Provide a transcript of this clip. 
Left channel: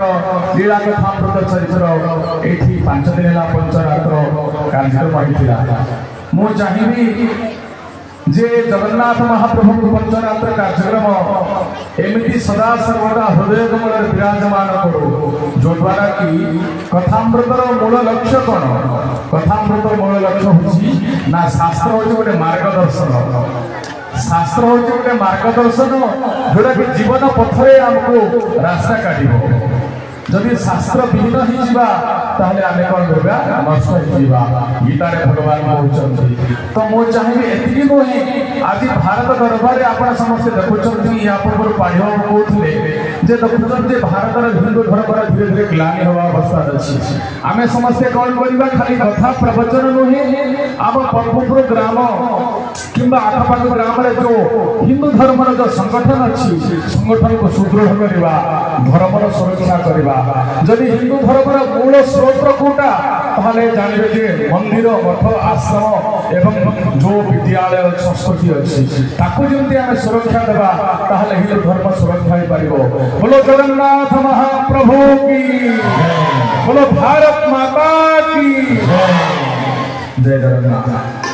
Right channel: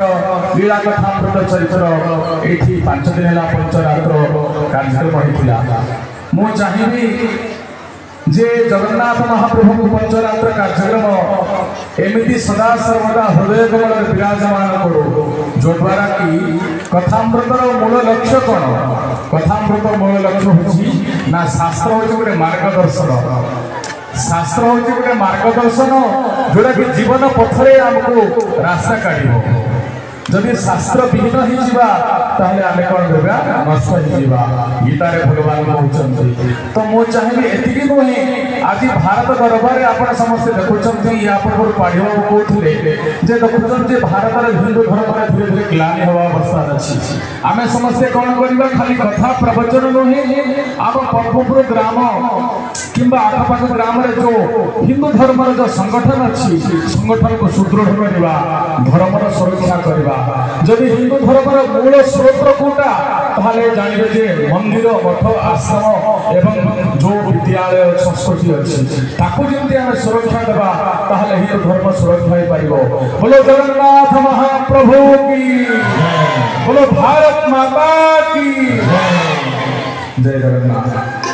लीला कथामृत चरित्र ये 5 दिन है पंचरात्र कार्यक्रम होता मु चाहिए जे जगन्नाथ महाप्रभु पंचरात्र कार्यक्रम एमती सदा सर्वदा हृदय कमल विराजमान करो जो द्वारा कि कथामृतर मूल लक्ष्य कौन कथामृतर मूल लक्ष्य हूँ ना शास्त्र हूँ गोटे मार्गदर्शन शास्त्र हूँ गोटे मार्गदर्शन जोटा कि जीवन पथरे आमको रास्ता काढ़ जदि शास्त्र विहीन होने आम कौन करवा नष्ट हो गीतार भगवान कहते तो मुझे चाहिए एति नुहे आज भारत दरबार आप समस्ते देखुं या पूर्व पढ़ा कहते देखुं भारत हिंदू धर्म धीरे धीरे ग्लानि हवा अवस्था अच्छी आम समस्ते कौन करवा खाली कथा प्रवचन नुहे आम परमपुर ग्राम कि आखपाख ग्राम जो हिंदू धर्म जो संगठन अच्छी संगठन को सुदृढ़ करवा धर्म सुरक्षा करवा जदि हिंदू धर्म मूल स्रोत कोटा ताले जानवे जे मंदिर मठ आश्रम एवं जो विद्यालय संस्कृति अच्छी ताकू जमती आम सुरक्षा देवा ताले हिंदू धर्म सुरक्षा हो पारिबो। बोलो जगन्नाथ महाप्रभु की बोलो भारत माता की जय जगन्नाथ।